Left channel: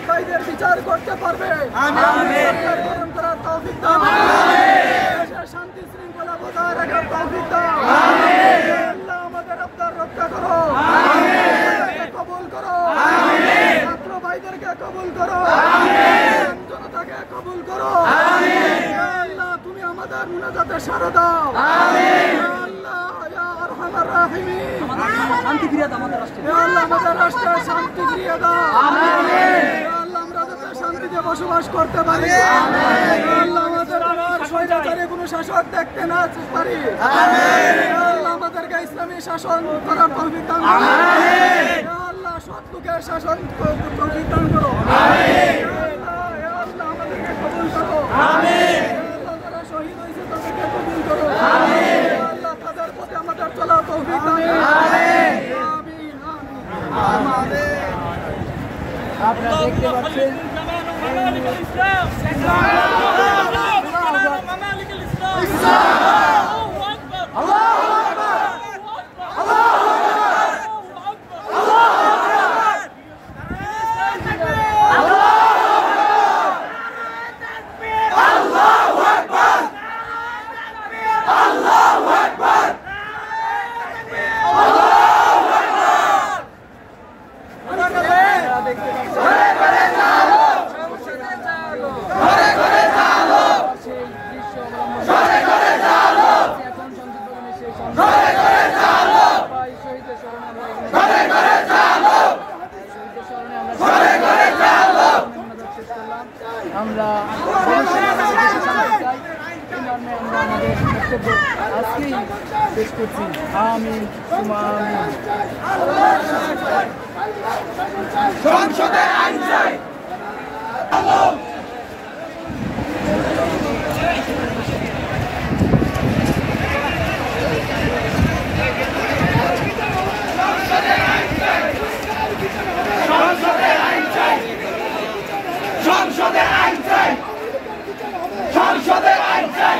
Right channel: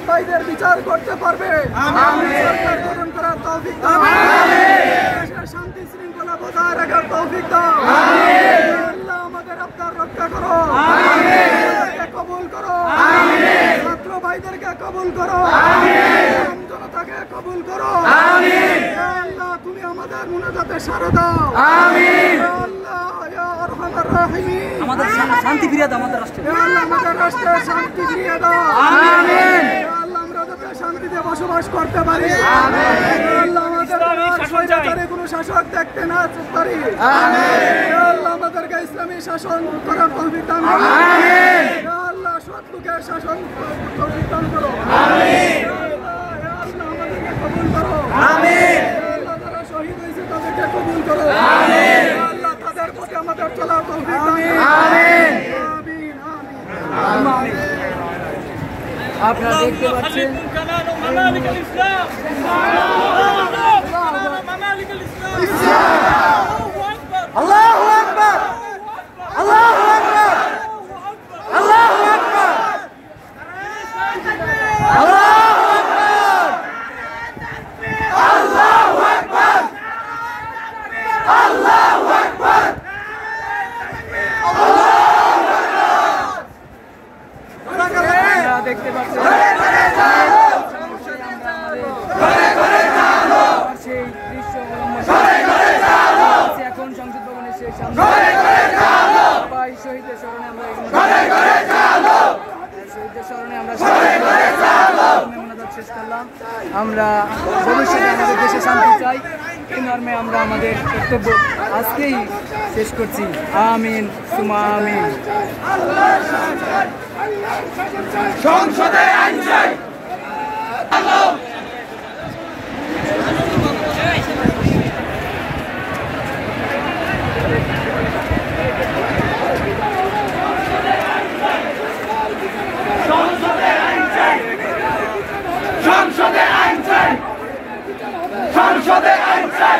শহীদ ভাইদের বিচার করতে পারবে, সরকার গঠন করার তৌফিক দাও, দেশের শান্তি শৃঙ্খলা বজায় রাখার তৌফিক দাও। আল্লাহ আমাদের আপনার রক্ষা করো, আমাদেরকে কবুল করো, ছাত্র ভাইদেরকে কবুল করো, জনতাকে কবুল করো। আল্লাহ তুমি আমাদের মুনাজাতে সাড়া দাও। আল্লাহ ইয়া আরহামার রাহিমিন, শান্তি ফিরিয়ে দাও আমাদের রাষ্ট্রে। আল্লাহ আমাদের রাষ্ট্রে শান্তি ফিরিয়ে দাও। আল্লাহ আমরা যাতে শান্তিতে বসবাস করতে পারি। আল্লাহ আমাদের আর স্বৈরাচারী কোনো শাসক দেখতে না পারি। আল্লাহ আমাদেরকে ইসলামী শাসন করার তৌফিক দান করো। আল্লাহ সৎ লোকের শাসন তৌফিক দান করো। আল্লাহ আমাদেরকে কবুল করো। আল্লাহ যারা শহীদ হয়েছে তাদেরকে কবুল করো। আল্লাহ তাদের প্রতি আমাদের চলার তৌফিক দান করো। আমিন আমিন। আপনারা দেখতে পাচ্ছেন আমরা ভবিষ্যতে দেশে শান্তি চাই। এই মর্মে আমরা আমাদের বক্তব্য আজকেই শেষ করছি। আমিন সুমা আমিন। সংসদে আইন চাই। সংসদে আইন চাই।